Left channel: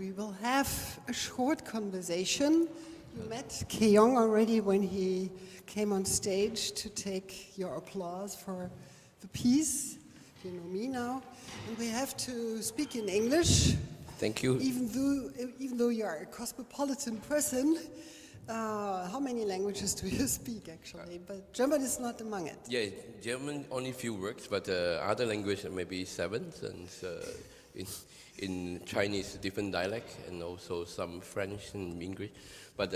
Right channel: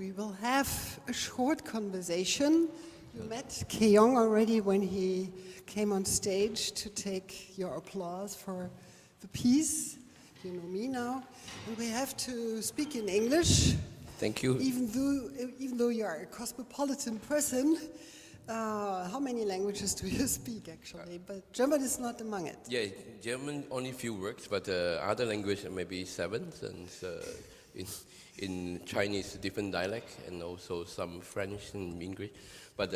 we will have a short conversation. You met Kee-Yong already when he came on stage to take your applause for the piece. You know me now. And we have to speak in English. Thank you. Even though you are a cosmopolitan person, how many languages do you speak actually? But German is not among it. Yeah, German only few words, but other language maybe 7. And in Chinese, different dialect, and also some French and English. But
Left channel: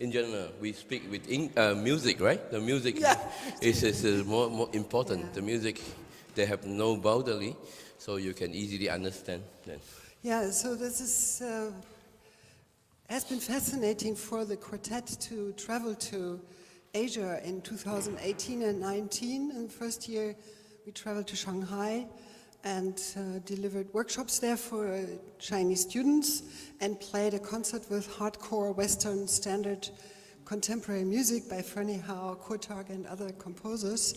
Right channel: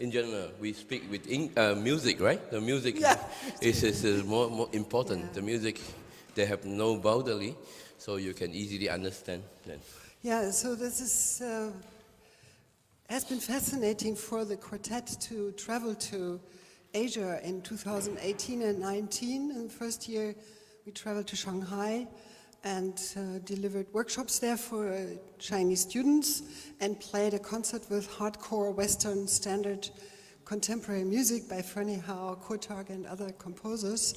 in general, we speak with music, right? The music is more important. Yeah. The music, they have no boundary, so you can easily understand them. Yeah, so this is has been fascinating for the quartet to travel to Asia in 2018 and 19. In the first year, we traveled to Shanghai and delivered workshops there for Chinese students and played a concert with hardcore Western standard contemporary music by Fernie Hao, Kurtag and other composers.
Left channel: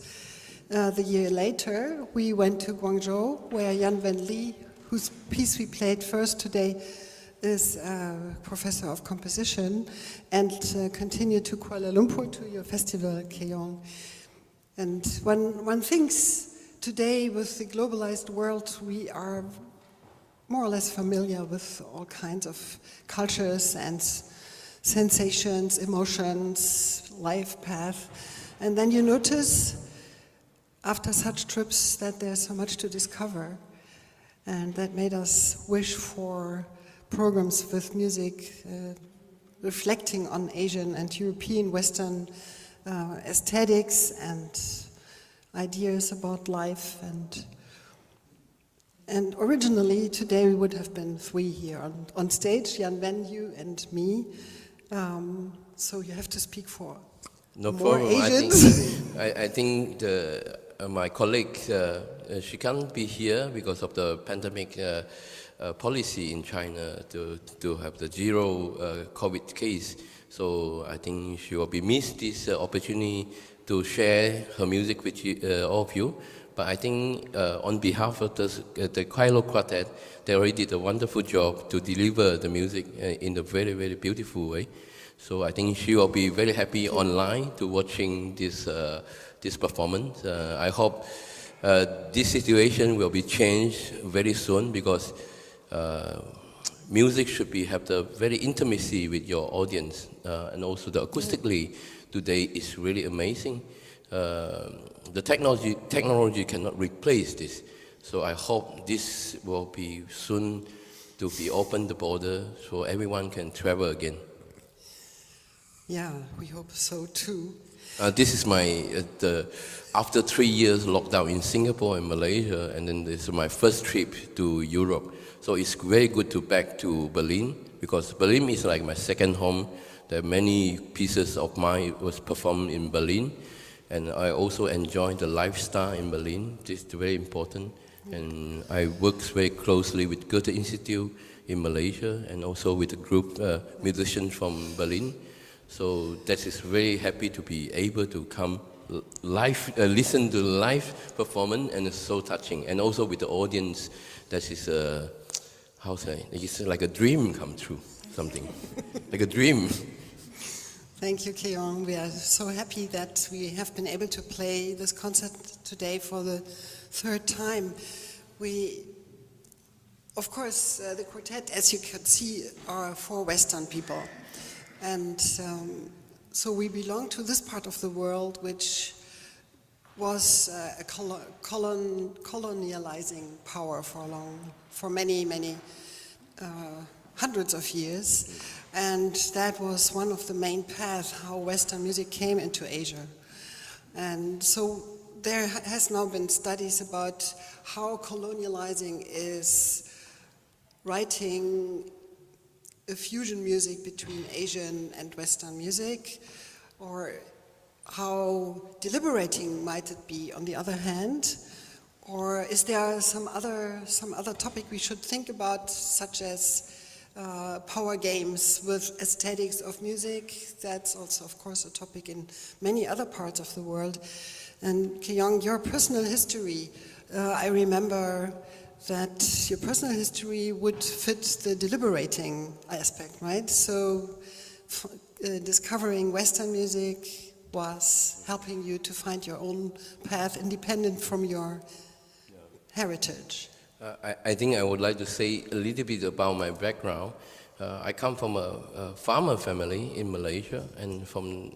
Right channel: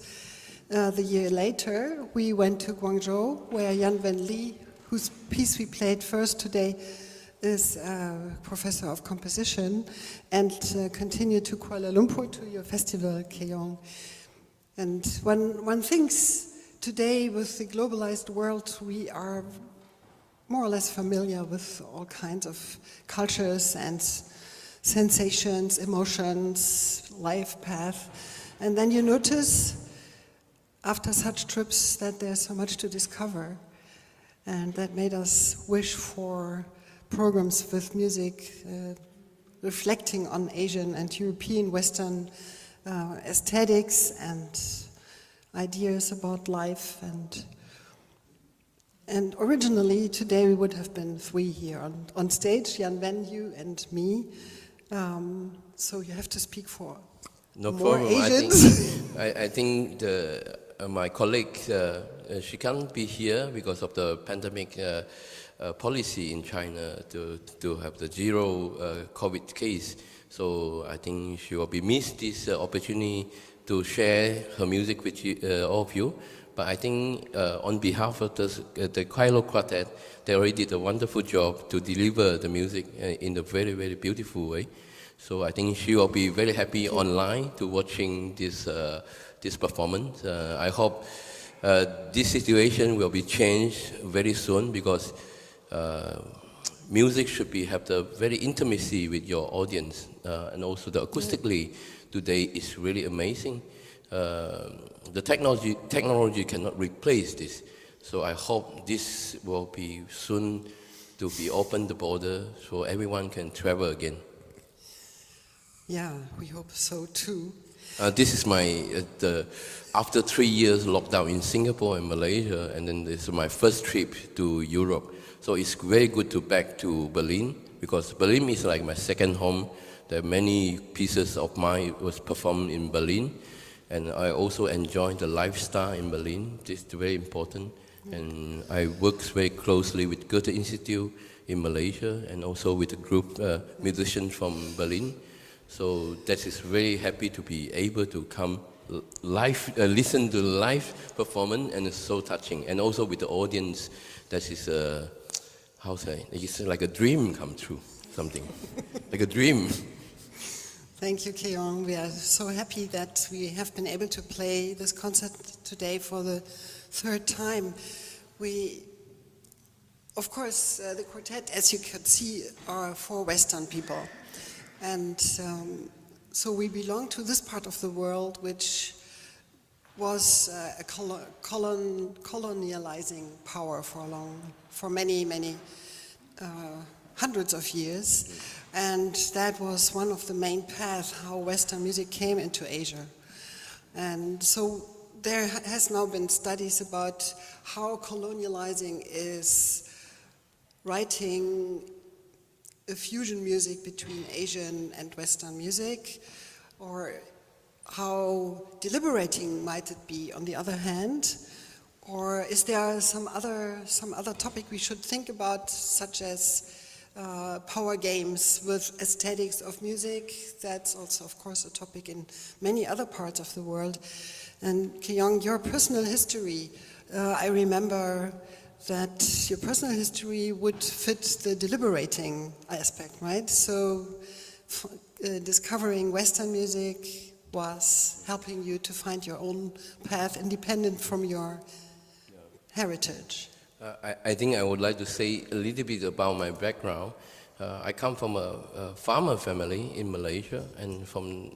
The year later, we went to Guangzhou, where Yanwen Li, whose piece we played first today, is a professor of composition, and continued to Kuala Lumpur to your festival, Kee-Yong. And one thinks today with the globalized world, we are more or less familiar with all kinds of cultures and sensations, emotions, life path. And then you notice after such trips that there's so much to discover. And that made us wish for programs with music reflecting on Asian and European Western aesthetics and ideas about life. And originally today we would have been 3 here on stage, Yanwen, you and me. So you have to speak for no more problem. Asians. I think my colleague, she can't be here because of the pandemic policy in China to have the zero COVID case. So I think she will be missed this opportunity to share her music with all of you. But I think on behalf of the Kairos Quartett, they already did a wonderful job to deliver the music in a very, very beautiful way. So I think she will be very happy online to watching this performance. I hope this situation will be changed very soon, because music should have the very intimacy with your audience, and also the acoustically today is really amazing. The technology cannot replace this, so I hope this will be soon to be open the border so everyone can travel again. Yeah, we hope so too. This is my after 3 years lockdown in Singapore and Malaysia, and then this is my first trip to Europe. So it's very good to back to Berlin, because Berlin is like my second home. There are many pieces of mine was performed in Berlin, and I also enjoy the lifestyle in Berlin. This is very important. And I work very closely with Goethe Institute in Malaysia, and also with a group musicians from Berlin. So that is very happy to be able to come live, listen to live performance, and it's so touching. And also with the audience, that is it's like a dream come true, something like a dream. Thank you, Kee-Yong. We are so happy that we have been able to play this concert today for the 3rd time. Of course, the quartet, as you can see, are for Western people. And so we belong to this part of the world, which was a colonializing power for many hundreds of years. And that was one of the main paths how Western music came into Asia. And so there has now been studies about how colonializing is writing a fusion music between Asian and Western music, or how deliberating might it be on the other hand, or is there some other topic we should think about, such as power games with aesthetics of music? That's also, of course, a topic in many other parts of the world. And Kee-Yong, your personal history, I remember that your personal history would fit the deliberating aspect, right? So discovering Western music was helping you to find your own path independent from your heritage. I think I would like to say a little bit about my background. I come from a farmer family in Malaysia, and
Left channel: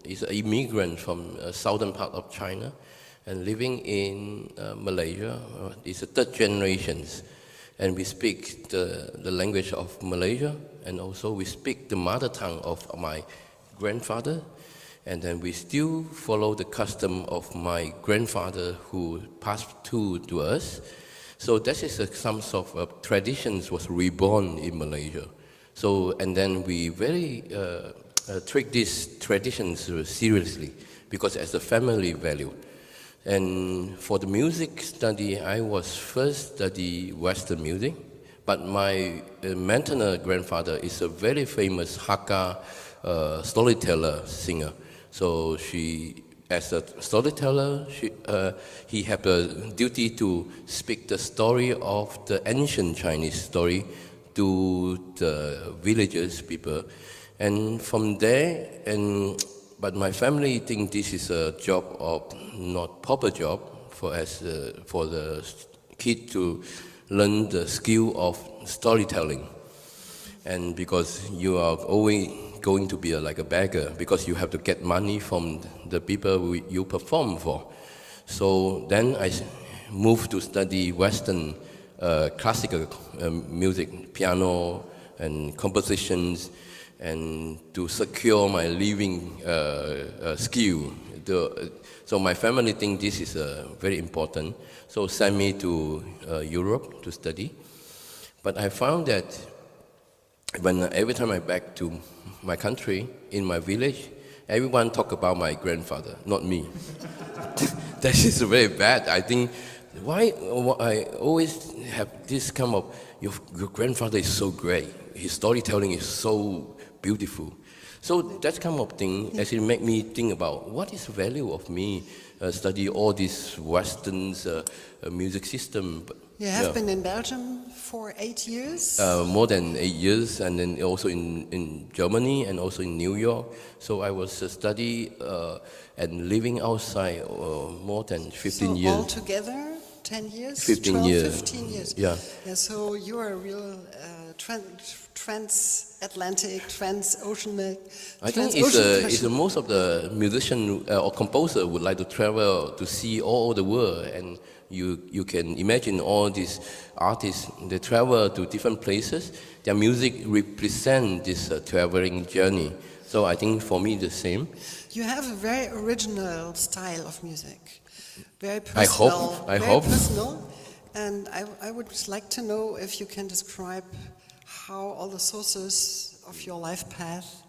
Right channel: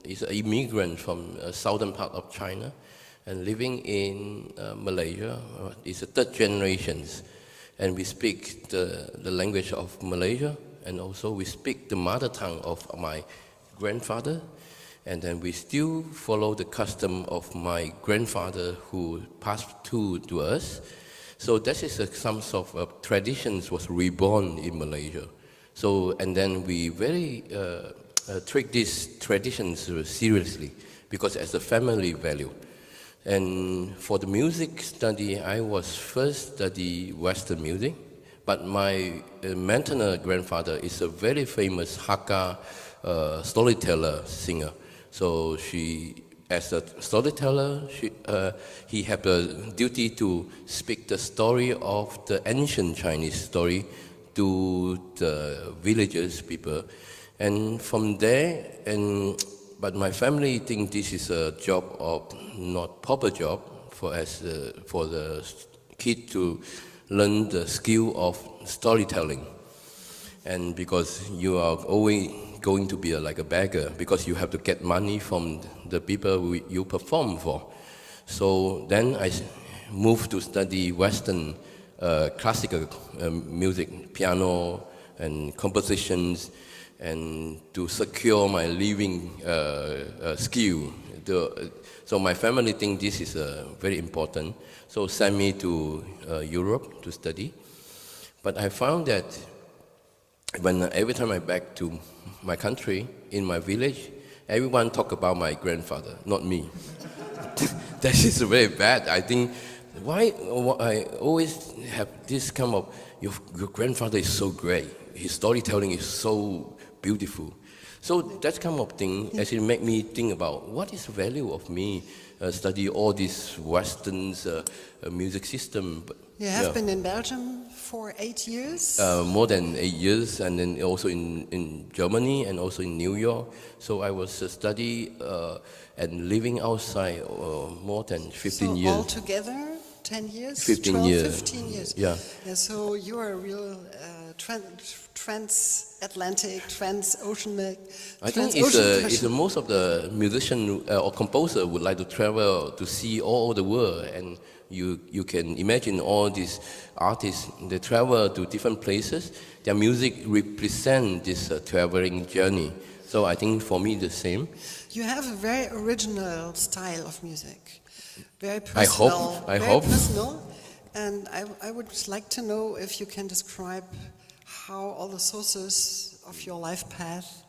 is an immigrant from southern part of China, and living in Malaysia. It's a third generation, and we speak the language of Malaysia, and also we speak the mother tongue of my grandfather, and then we still follow the custom of my grandfather who passed to us. So that is some sort of traditions was reborn in Malaysia. So, and then we very treat these traditions seriously because as a family value. And for the music study, I was first study Western music, but my maternal grandfather is a very famous Hakka storyteller singer. So as a storyteller, he had a duty to speak the story of the ancient Chinese story to the villagers people, and from there, but my family think this is a job of not proper job for the kid to learn the skill of storytelling, and because you are always going to be like a beggar because you have to get money from the people you perform for. So then I moved to study Western classical music, piano and compositions, and to secure my living skill. So my family think this is very important, so sent me to Europe to study. But I found that every time I back to my country, in my village, everyone talk about my grandfather, not me. That is very bad. I think why I always have this come up, your grandfather is so great, his storytelling is so beautiful. So that kind of thing actually make me think about what is the value of me study all these Western music system. You have been in Belgium for 8 years? More than 8 years, and then also in Germany and also in New York. So I was study and living outside more than 15 years. So altogether 10 years? 15 12, years. 15 years. Yeah. So you're a real transatlantic, transoceanic. I think it's most of the musician or composer would like to travel to see all the world, and you can imagine all these artists, they travel to different places. Their music represent this traveling journey. So I think for me the same. You have a very original style of music. Very personal. I hope. Personal. And I would just like to know if you can describe how all the sources of your life path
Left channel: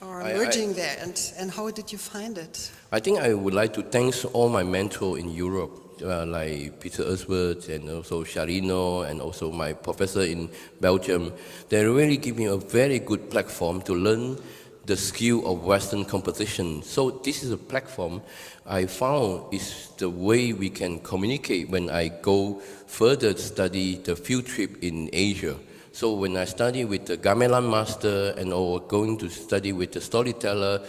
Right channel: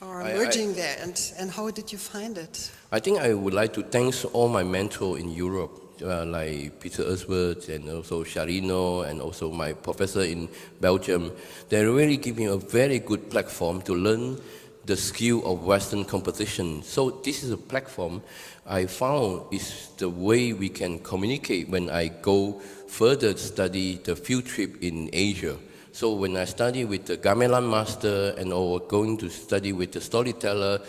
are emerging there, and how did you find it? I think I would like to thank all my mentors in Europe, like Peter Ersworth and also Charino, and also my professor in Belgium. They really give me a very good platform to learn the skill of Western composition. So this is a platform I found is the way we can communicate when I go further to study the field trip in Asia. So when I study with the gamelan master and or going to study with the storyteller,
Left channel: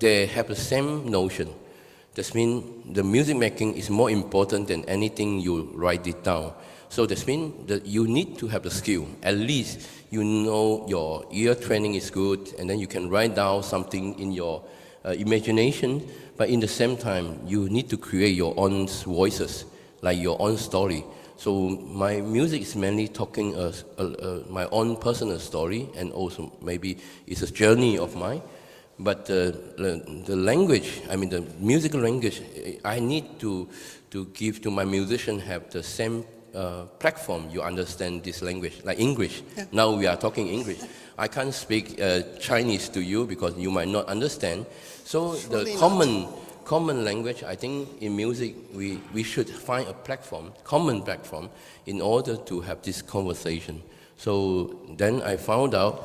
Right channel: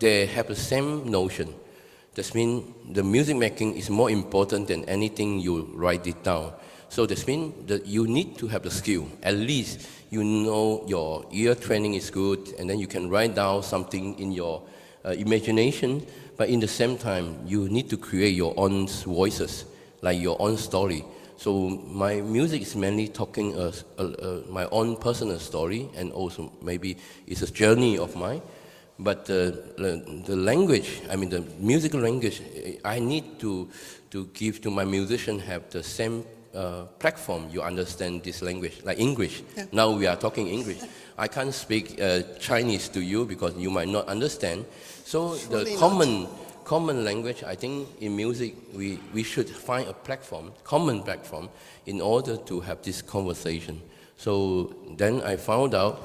they have the same notion. That means the music making is more important than anything you write it down. So that means that you need to have the skill. At least you know your ear training is good, and then you can write down something in your imagination. But in the same time, you need to create your own voices, like your own story. So my music is mainly talking my own personal story, and also maybe it's a journey of mine. But the language, I mean the musical language, I need to give to my musician have the same platform. You understand this language, like English. Yeah. Now we are talking English. I can't speak Chinese to you because you might not understand. So Surely the common language, I think in music we should find a platform, common platform, in order to have this conversation. So then I found out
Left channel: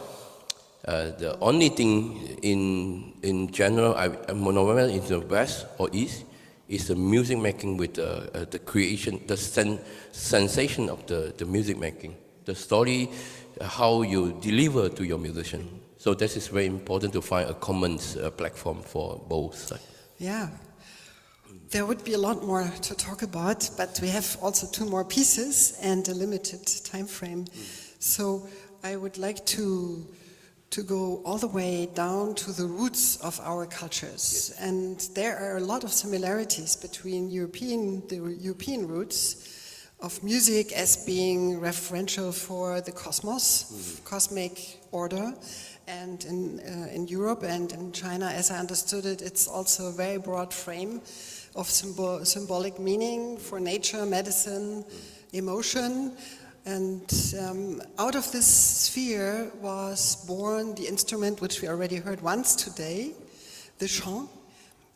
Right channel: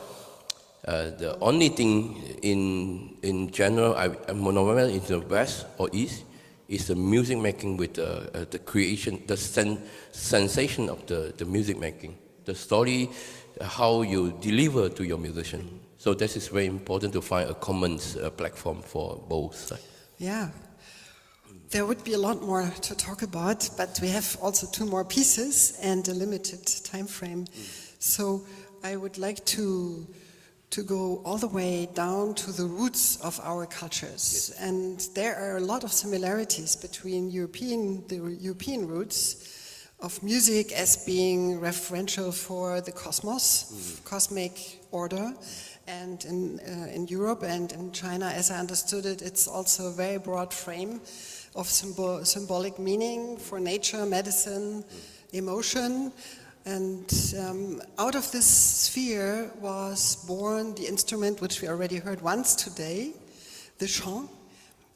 the only thing in general, I'm in the West or East, It's the music making with the creation, the sensation of the music making, the story, how you deliver to your musician. So this is very important to find a common platform for both sides. Yeah. There would be a lot more to talk about, but we have also 2 more pieces and a limited time frame. So I would like to go all the way down to the roots of our cultures. Yes. And there are a lot of similarities between the European roots of music as being referential for the cosmos, cosmic order. And in Europe and in China, as I understood it, it's also a very broad frame of symbolic meaning for nature, medicine, emotion. And out of this sphere was born the instrument which we already heard once today, the sheng.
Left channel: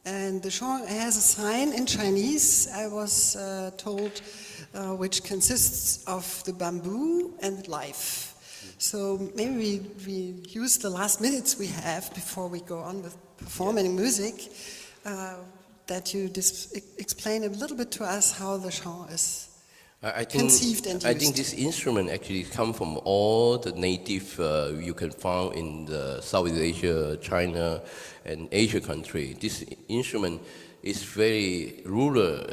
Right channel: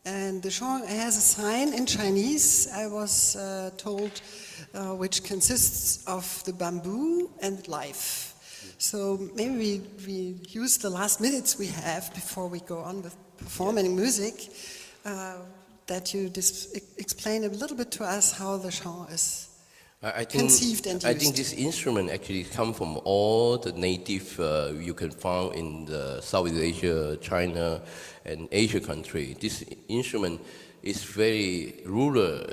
And the sheng has a sign in Chinese, I was told, which consists of the bamboo and life. So maybe we use the last minutes we have before we go on with performing music, that you explain a little bit to us how the sheng is conceived and used. I think this instrument actually comes from all the native you can find in the Southeast Asia, China, and Asia country. This instrument is very rural,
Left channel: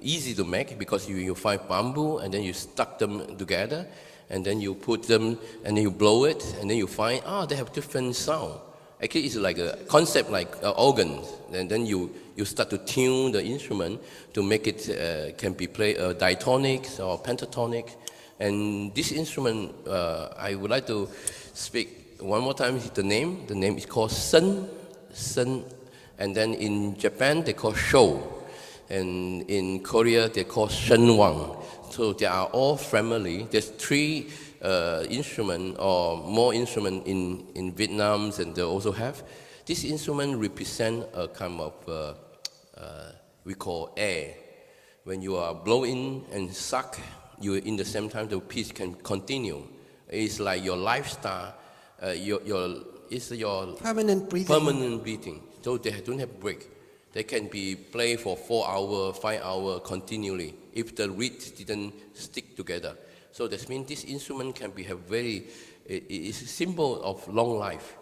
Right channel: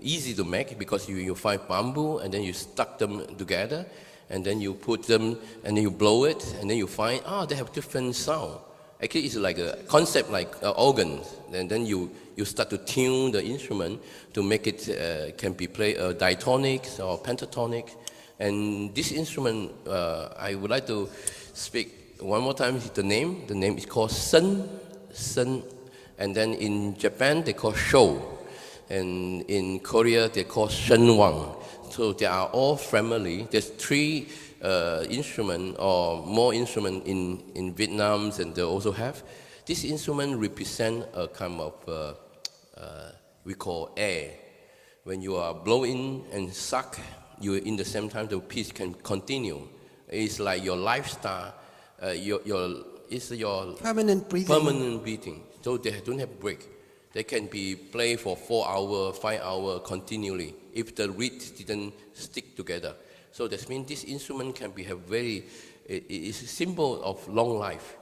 easy to make because you find bamboo and then you stuck them together and then you put them and then you blow it and then you find, they have different sound. Actually, it's like a concept like organs, and then you start to tune the instrument to make it can be played diatonic or pentatonic. And this instrument, I would like to speak one more time the name. The name is called sen, and then in Japan they call shou, and in Korea they call shenwang. So they are all family. There's 3 instrument or more instrument in Vietnam, and they also have. This instrument represent a kind of we call air. When you are blowing and suck, you in the same time the piece can continue. It's like your lifestyle. It's your permanent breathing. So they don't have break. They can be played for 4 hours, 5 hours continually if the reed didn't stick together. So that means this instrument can be it's a symbol of long life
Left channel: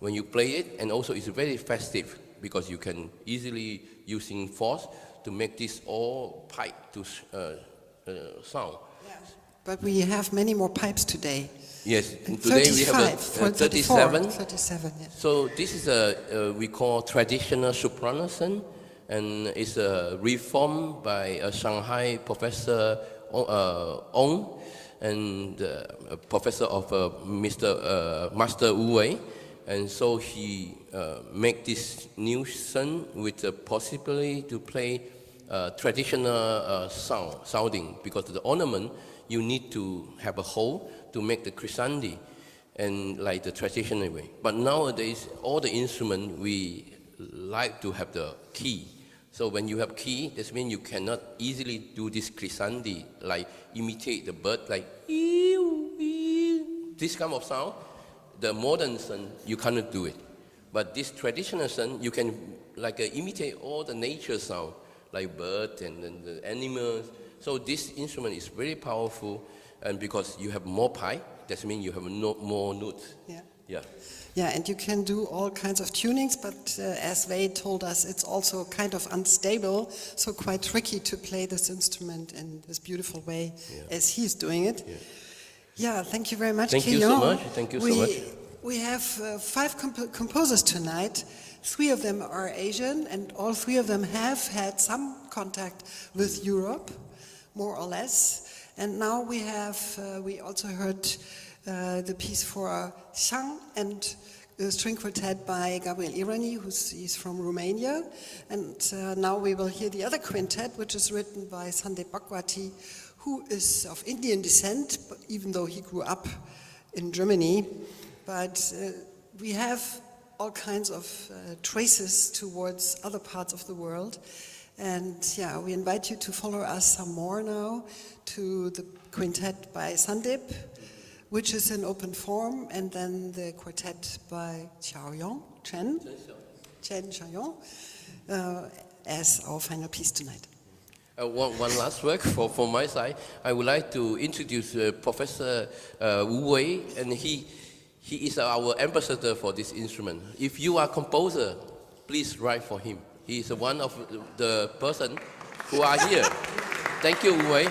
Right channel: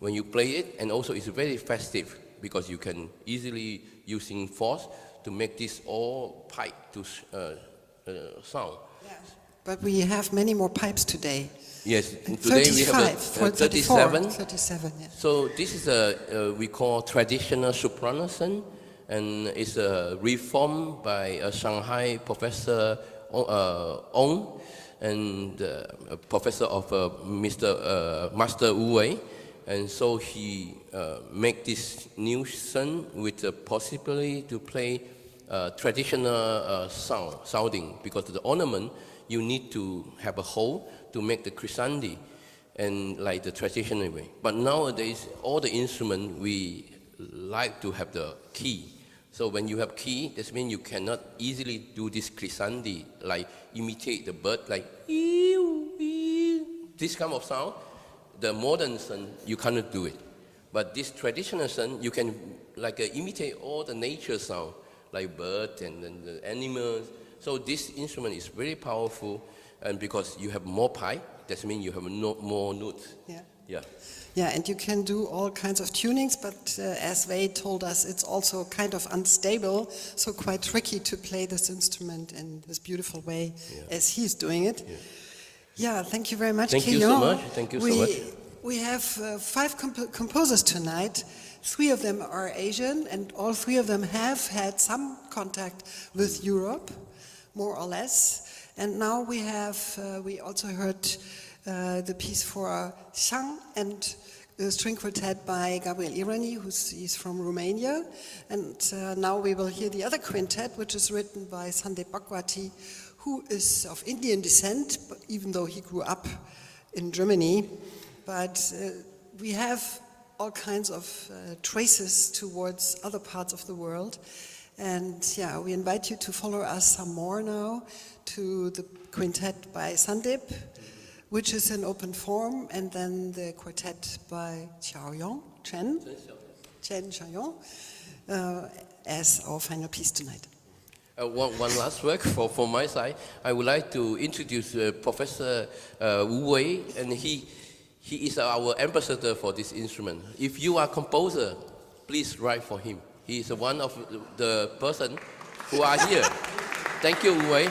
when you play it, and also it's very festive because you can easily using force to make this all pipe to sound. But we have many more pipes today. Yes, and today 35, we have 37. 37, yes. So this is we call traditional soprano, and it's a reform by a Shanghai professor Ong, and a professor of Master Wu Wei, and so he make this new son with the possibility to play traditional sounding, because the ornament you need to have a hole to make the crescendi, and like the traditional way. But nowadays, all the instruments we like to have the key. So when you have key, that means you cannot easily do this crescendi, like imitate the bird, like this kind of sound. The modern son, you cannot do it. But this traditional son, you can like imitate all the nature sound, like bird and the animals. So this instrument is very powerful, and because you have more pipe, that means you have more notes. Yeah, and you can do all kinds of tunings, but as Wei told us, it's also kind of unstable, so quite tricky to play this instrument in this beautiful way as he's doing it. Yeah, thank you very much, Thank you so much. Thank you so much. We have 5 composers tonight. 3 of them are Asian, and all 3 of them have had some contact with Europe, more or less. And now we also heard the piece for Shang and the string quartet by Gabriel Irani, he's from Romania. And now we will hear the other quintet, which is written by Sandeep Bhagwati, who is of Indian descent, even though he grew up in Germany. But we have all kinds of traces towards other parts of the world. And we invite you to follow us some more now to the quintet by Sandeep, which is in open form, and then the quartet by Kee-Yong Chong, as our final piece tonight. One last work from my side. I would like to introduce Professor Wu Wei, and he is our ambassador for this instrument. If you are a composer, please write for him. He is one of the person who are here. Thank you, Wu Wei.